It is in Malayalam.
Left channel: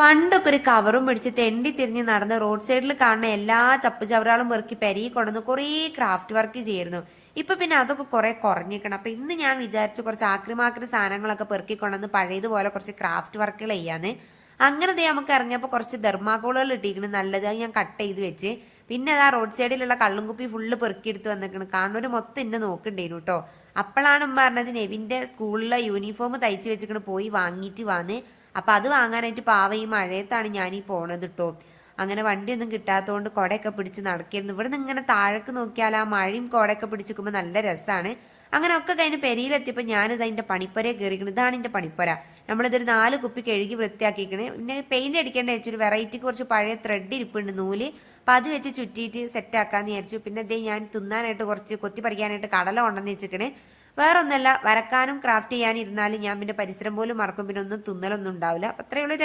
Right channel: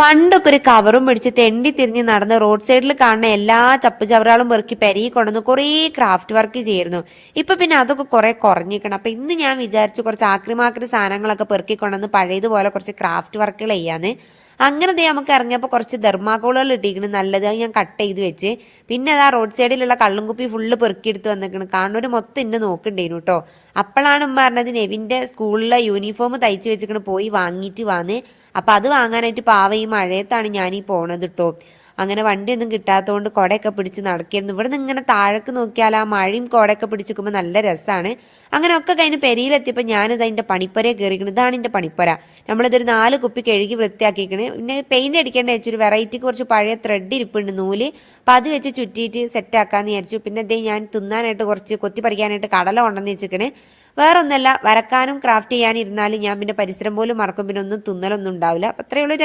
പണ്ടൊക്കെ ഒരു കവറും പിടിച്ച് തെണ്ടി തിരിഞ്ഞ് നടന്ന് റോഡ് സൈഡിൽ കാണുന്ന എല്ലാ ചപ്പ് ചവറുകളും പെറുക്കി പെരുകി കൊണ്ടുവന്ന് കുറേ ക്രാഫ്റ്റ് വർക്ക് ചെയ്യുന്നു. ഇപ്പൊ പിന്നെ അതൊക്കെ കുറെ കുറഞ്ഞിരിക്കണം. അപ്പൊ ഇന്ന് ഞാൻ വിചാരിച്ചു കുറച്ച് ആക്രിമാക്രി സാധനങ്ങളൊക്കെ പെറുക്കി കൊണ്ടുവന്ന് പഴയതുപോലെ കുറച്ച് ക്രാഫ്റ്റ് വർക്കുകൾ ചെയ്യാന്ന്. അങ്ങനെ ദേ നമുക്ക് ഇറങ്ങിയപ്പോൾ കുറച്ച് തെർമാക്കോളുകൾ ഇട്ടിരിക്കണം നല്ലത്. അത് ഞാൻ കട്ട് ചെയ്ത് വെച്ച് പിന്നെ അതാ റോഡ് സൈഡിലുള്ള കള്ളും കുപ്പി ഫുള്ള് പെറുക്കിയെടുത്ത് വന്നിരിക്കണം. കാണുന്നൊരു മൊത്തം ഇന്നെ നോക്കണ്ടേനു കേട്ടോ. അപ്പോഴാണ് ഉമ്മ പറഞ്ഞത് നെവിൻ്റെ സ്കൂളിലെ യൂണിഫോം തയ്ച്ച് വെച്ചിട്ട് പോയി വാങ്ങിയിട്ട് വന്ന്. അപ്പം അത് വാങ്ങാനായിട്ട് പാവ ഈ മഴയത്താണ് ഞാനീ പോണത് കേട്ടോ. അങ്ങനെ വണ്ടിയൊന്നും കിട്ടാത്തതുകൊണ്ട് കുടയൊക്കെ പിടിച്ച് നടക്കുന്നു. ഇവിടെ നിന്ന് ഇങ്ങനെ താഴേക്ക് നോക്കിയാൽ ആ മഴയും കുടയൊക്കെ പിടിച്ചിരിക്കുമ്പോൾ നല്ല രസമാണ്. അങ്ങനെ ഒക്കെ കഴിഞ്ഞ് പെരിയിലെത്തിയപ്പോൾ ഞാനിത് അതിൻ്റെ പണിപ്പുരയെ കയറിക്കണം. ഇതാണ് എൻ്റെ പണിപ്പുര. നമ്മളിതൊരു 4 കുപ്പി കഴുകി വൃത്തിയാക്കിക്കണ്. പിന്നെ പെയിൻറ് അടിക്കേണ്ട വെച്ചൊരു വെറൈറ്റിക്ക് കുറച്ച് പഴയ ത്രെഡ് ഇരിപ്പുണ്ട് നൂല്. അപ്പം അത് വെച്ച് ചുറ്റിയിട്ട് സെറ്റാക്കാമെന്ന് വിചാരിച്ചു. പിന്നെ ഇതേ ഞാൻ തിന്നാനായിട്ട് കുറച്ച് കൊത്തി പറിക്കാനായിട്ട് കടല കൊണ്ടുവന്ന് വെച്ചിക്കണ്. വേറൊന്നുമല്ല, വരക്കാനും ക്രാഫ്റ്റ് ചെയ്യാനും ഇരുന്നാലും ഞാൻ പിന്നെ പരിസരം പോലും മറക്കും. പിന്നെ ഒന്നും തിന്നലൊന്നും ഉണ്ടാവില്ല. അപ്പം അത്രയുള്ള